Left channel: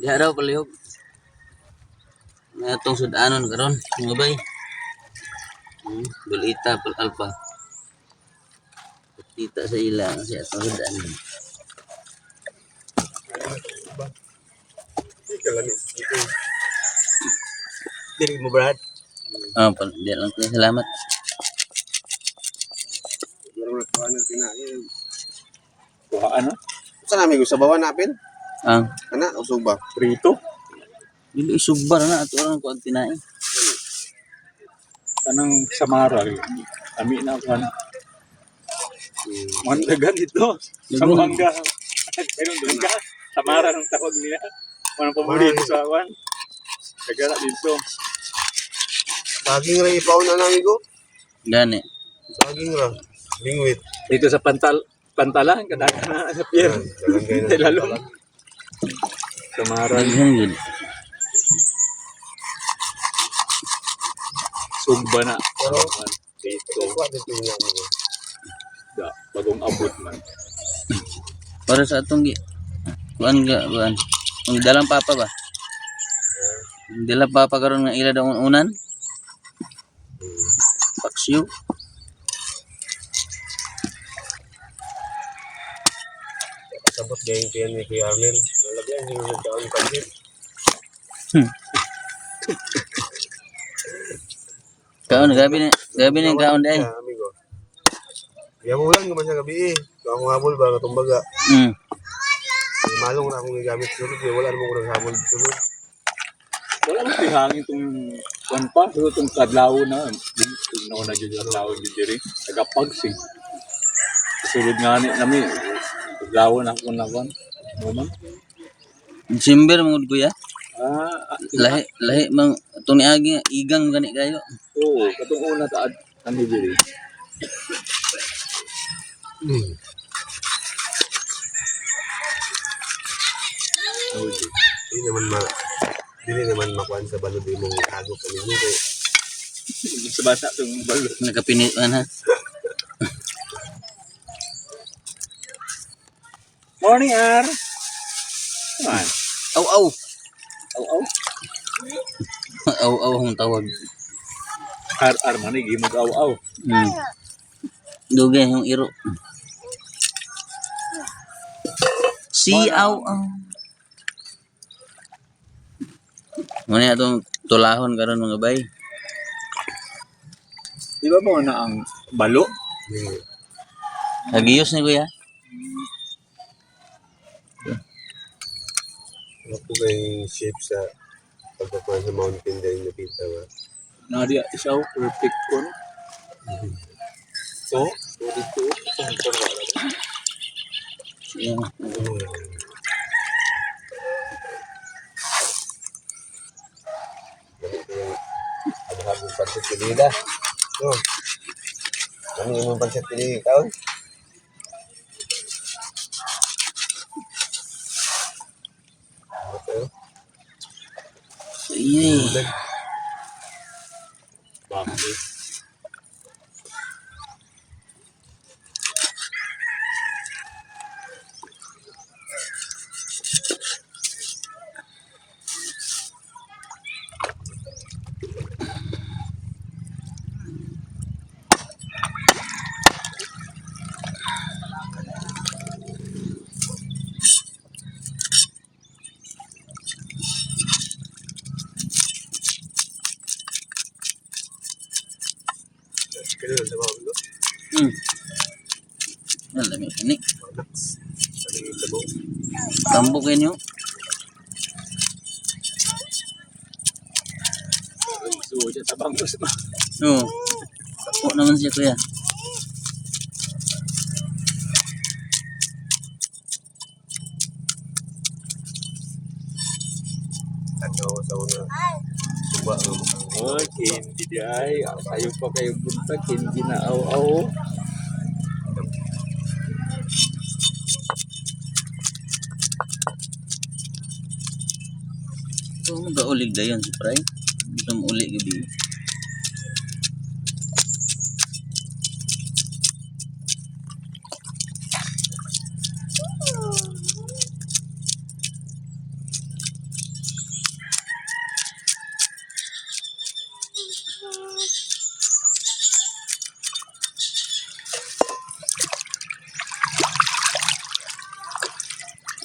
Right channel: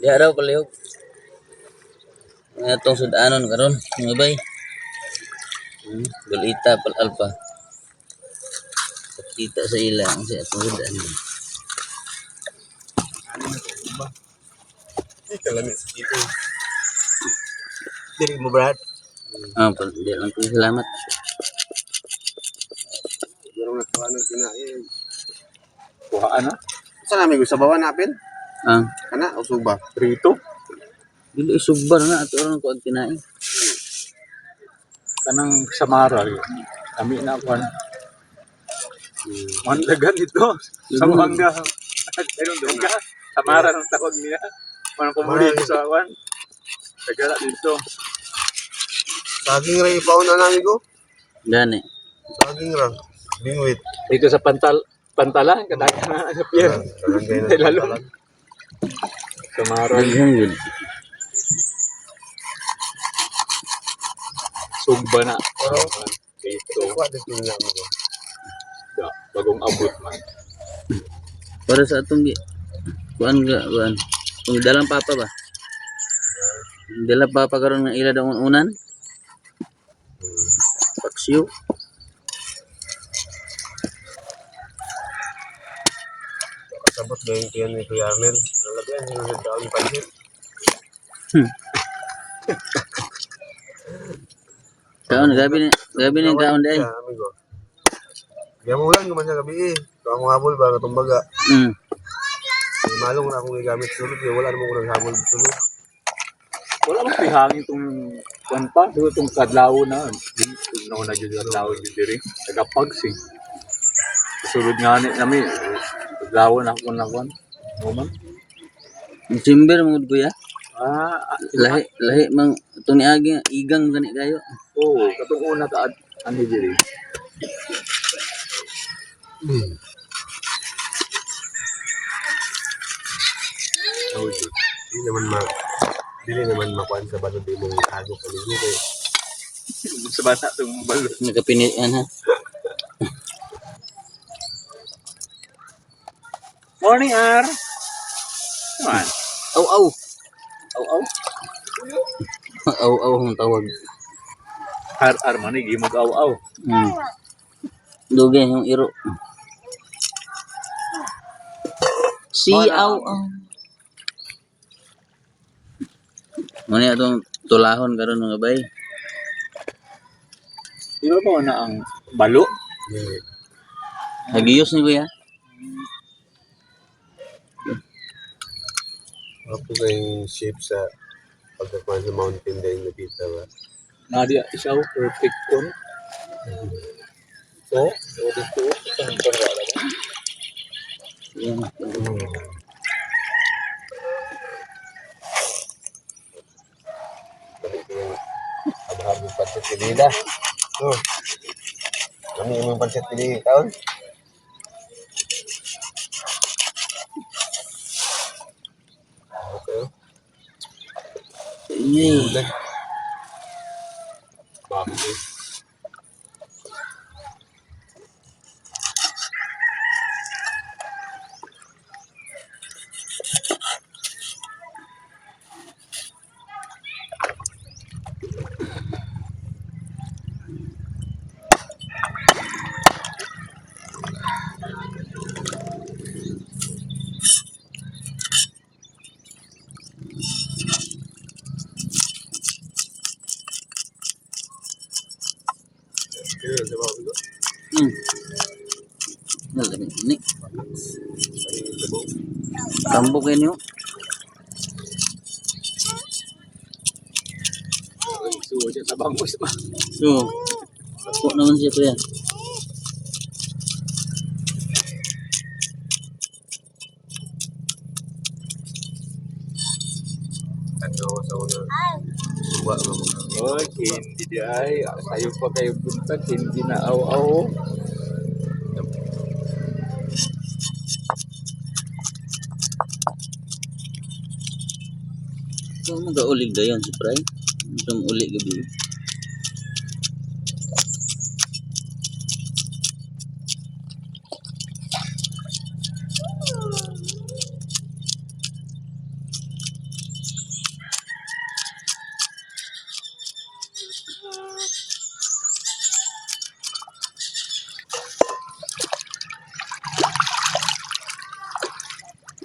Di araw palihog. Atong sudanon karon, mga bay. Balita pal alpa. Kita sa ilang sa atong sudanon. Kalamit dito. Dili mo Brad. Di lang ko salamat. Pero nagkuha ng kinain. Kuhaan na? Saan namin gusto bawa napin? Ang Kana, usog ba? Prito? dili isugbar na ato ron ko ang tinae. Kanang Samara kami na kwan mandagan ito Samanga ayun dungga Samara ng tawag nila manang pumuli sa kwan kagala dito Saging ra ipaw na namin ko. Gani. Saging ra. Bingwit. dito sa pantalan kadagan na sa pier lalo Samara Daghang gid. sugba na Pero dito kuha dito namin ko. bagong abot man Para sa atong kuan. Kung dalang papa ba? Dala papa karon nga ila daw unan. Paksiw. Sabot gayong tiyan ni Kuya Arnel. Nalagyan niyo sa taon pansit. Kaon gabi na kaon dai. Amigo. Diyan mo lang naman sa gabi eh. Ito ang habol ba katong baga. Malong na akong gagamit sulod. Wala naman ko naghabol sulod. wala mang pihangin itong kwan pa siguro itong kadlaw na nauna dyan kadlaw dyan diri nagapagsing sulod nga ni nami kadlaw na kung nakon naman December mo kuya. Lahi mang atong niagi igang gani kayo. oo katong una ta ani diri oh Dili naman makuan sa balod di mong hago paligo kay sa bata itong balot Nagapinit man ha. morning Ar man Aw aw. aw Aw aw ang tawag. Ar man ni gimog aw Dugay yung iro. Si aw aw. Muna atong tulahon karon mga bay. di ba mo na ang balo Hagiyos ni kuya. Apo kay shape sa pagkakuan sa mountain din nakita ba. na di siya perfect kon so dito itong wala ba Abraham yung pancit pilida. Oh. Kami yung pancit pilida taon. Okay. Iye. bakit Kaya sa bawang ito. Nalami ni. Saling ito. Tambok inyo. so siya sa bangos ba Oo. Tapo naman siya kuya. Ano sa una. Suba mo. oh hindi di ay tayo pa kayo punta hindi na aw Ito mo gaulig dayon si Pray. Ito mo uli gabi.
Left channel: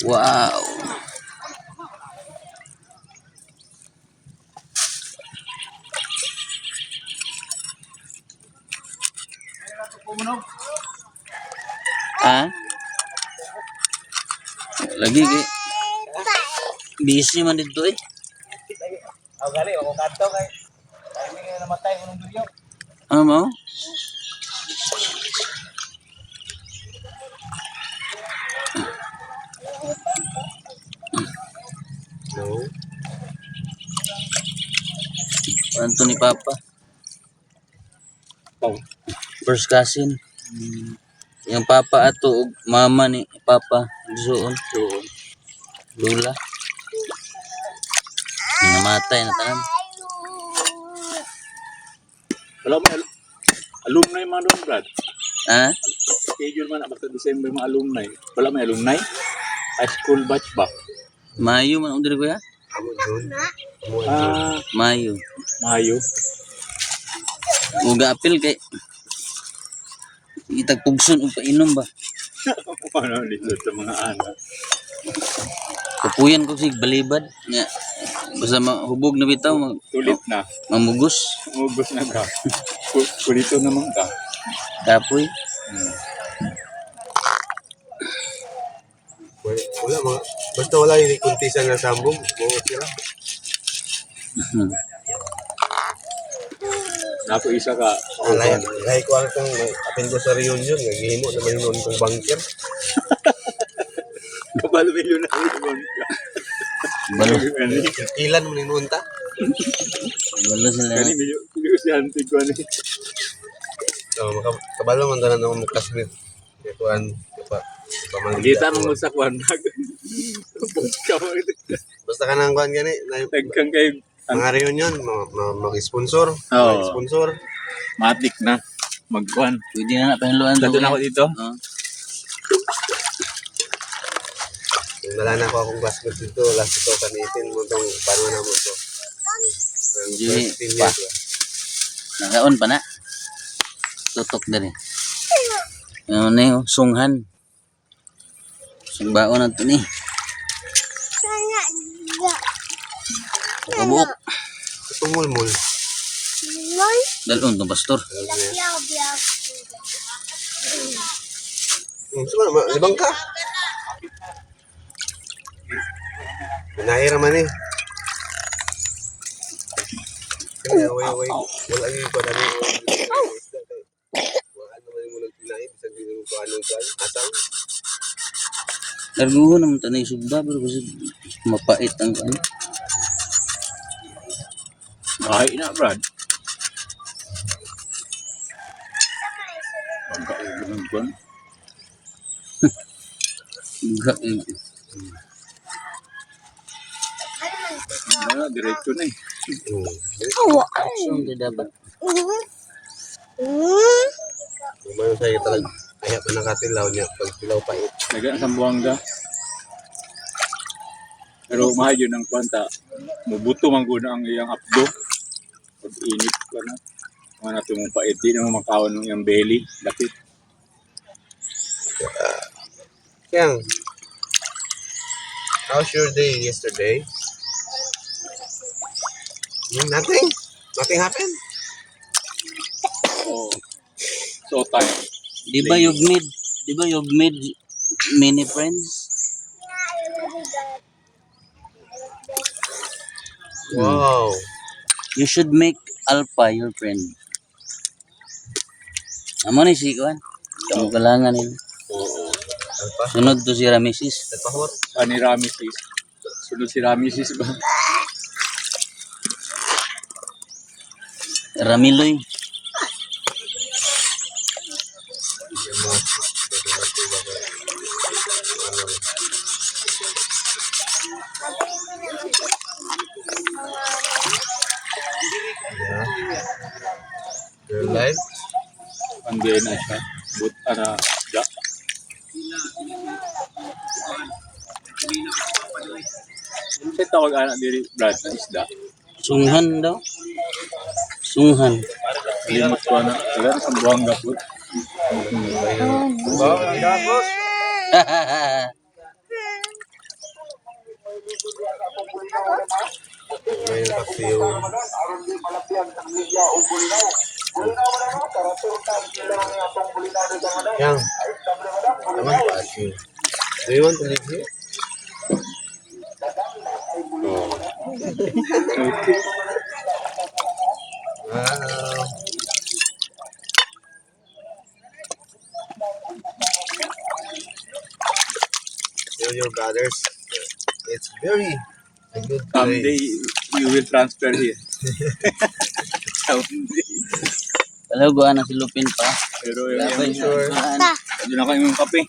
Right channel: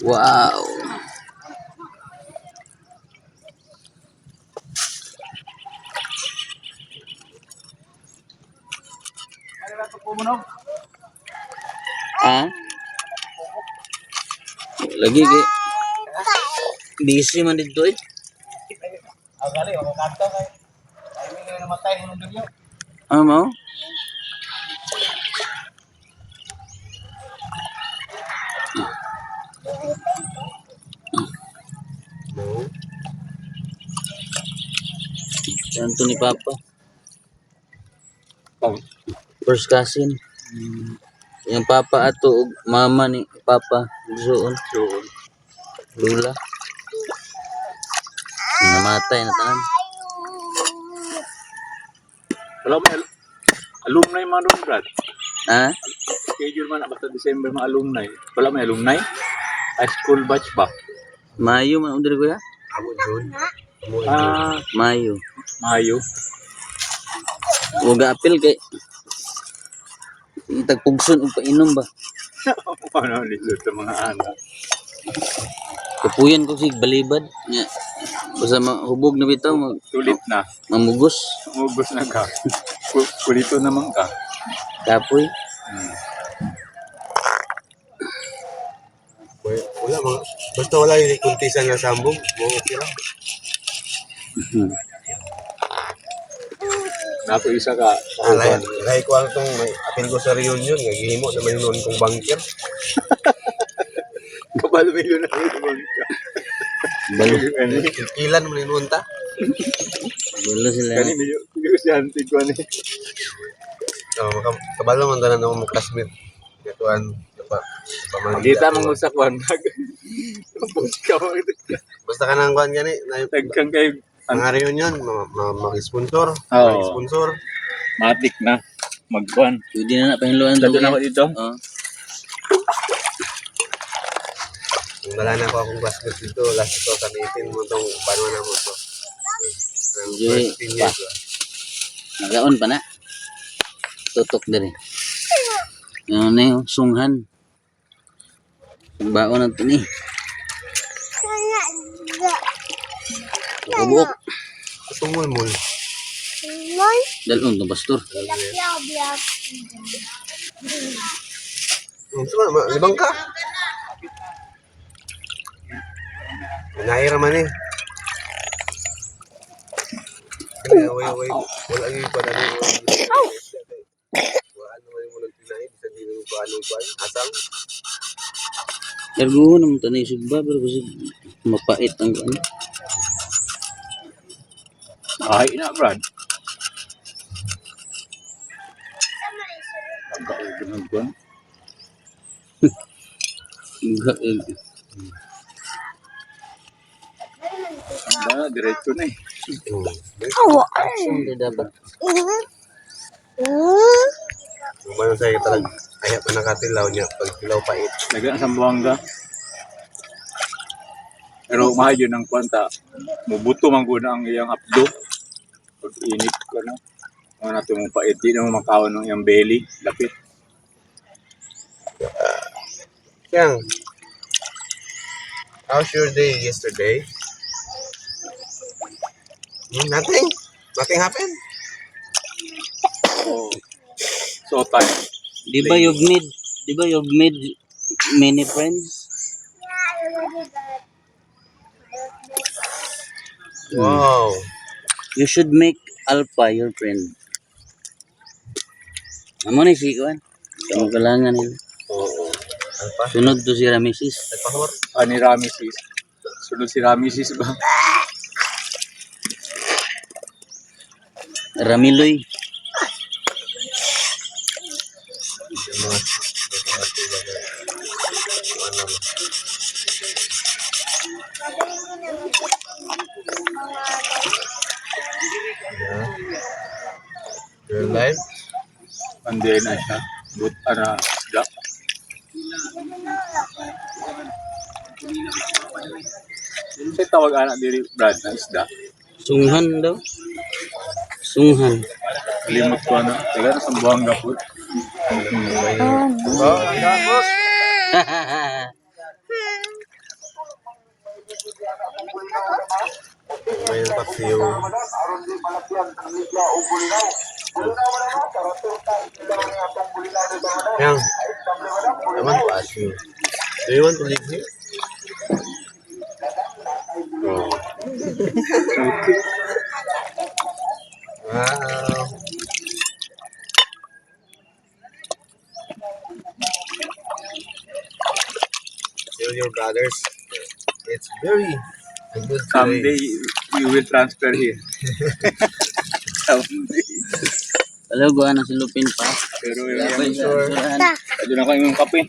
Wow. Ah? Lagi kay busy man dito eh. Ako gali, ako kanto kay. Ay, may namatay ng video. Ano mo? No. Anto ni Papa? Oh, First cousin. Yung Papa ato ug mama ni Papa. Doon. doon. Lula. Namatay na tanan. Wala may alumni man doon, Brad. Ha? Schedule man na basta December mga alumni. Wala may alumni. High school batch ba? Mayo man undiri ko ya? Amo June. Amo June. Ah, Mayo. Mayo. Ug apil kay itagpugson ug painom ba? Ano dito sa mga anak. Kapuyan ko sig balibad nga basta mahubog na bitaw Tulit na. mamugos Umubos na ka. Kulito naman ka. kapoy. Wala mga. Basta wala yung kuntisan nga sambog. Mga sila. Nato isa ka. Alay, alay ko ang itong apil ko sa reunion. Gihimo na may noon kong banker. Kapal may yun ang ibang ka. Balo Kani, Ilan mo ninuon ta? balo sila. kani medyo si auntie ko ni. Kabalo man tanan ako mo classmate. Ituan. Kita mong usakwan. Bos ka mo. Basta ka nang kuhan gani. Tagkang kayo. Ang reunion, mag-sponsor. Oo. Mag-sponsor. Matik na. Magkuhan. Pwede na pahinluan Dito to. na ako dito. Oh. Wala na ako akong classmate dito. Last ito kanitin mo itong paano na mo ito. Ang Di- first 10 years. Nagaon pa na. Tutok diri. Ano na yun? Sunghan. Sungbaon na ito ni. Kabuok. Tumulmul. Dalon to pastor. Sama, libang ka. Minahira man eh. Away. Wala yung pa namin. Wala naman yung muna pinahin. Bisa hindi naman paano asang. Laguho naman ito na isugda. Pero kasi mapait ang ano. Ay na, Brad. Pagkaugan ng kuhan. Ba, diretso na eh. Action di dapat. Lumayan sa'yo talaga. Ayaw pa nakatilaw niya. Pag tilaw pait. Nagaan sa buwangga. Pero mahal yun ang kwanta. Mubuto man guna ang iyang apdo. Pag init ka na. Mga natin mong pait. Di naman makawan ng iyang belly. Lapit. Yang, how's your day yesterday? Nothing. Nothing happened. Oh. So tired. Di ba you've made many friends? Wow. You should make Alpha your friend. Amo ni si Kuan. Ang kalangan nila. Oo. Ano pa? Sunod to si Ramesis. Ay, pahot. Ni Ramesis. Sunod si Ramesis ba? Ramiloy. Your life? Hindi na siya. But, isda. Kasi tawag anak diri, Brad, na isda. Sunghan daw. Sunghan. Limot ko na. Taga sa buwangga po. Ngayon paksiw. Yang, naman paksiw. Do you want to live here? Oh. Okay. Wow. Tell your brothers, it's very a good Someday, place. you will transfer here. Someday. Alam ko na si Lupin pa. Pero Yeah, yung sure. Ayun ako yung kape.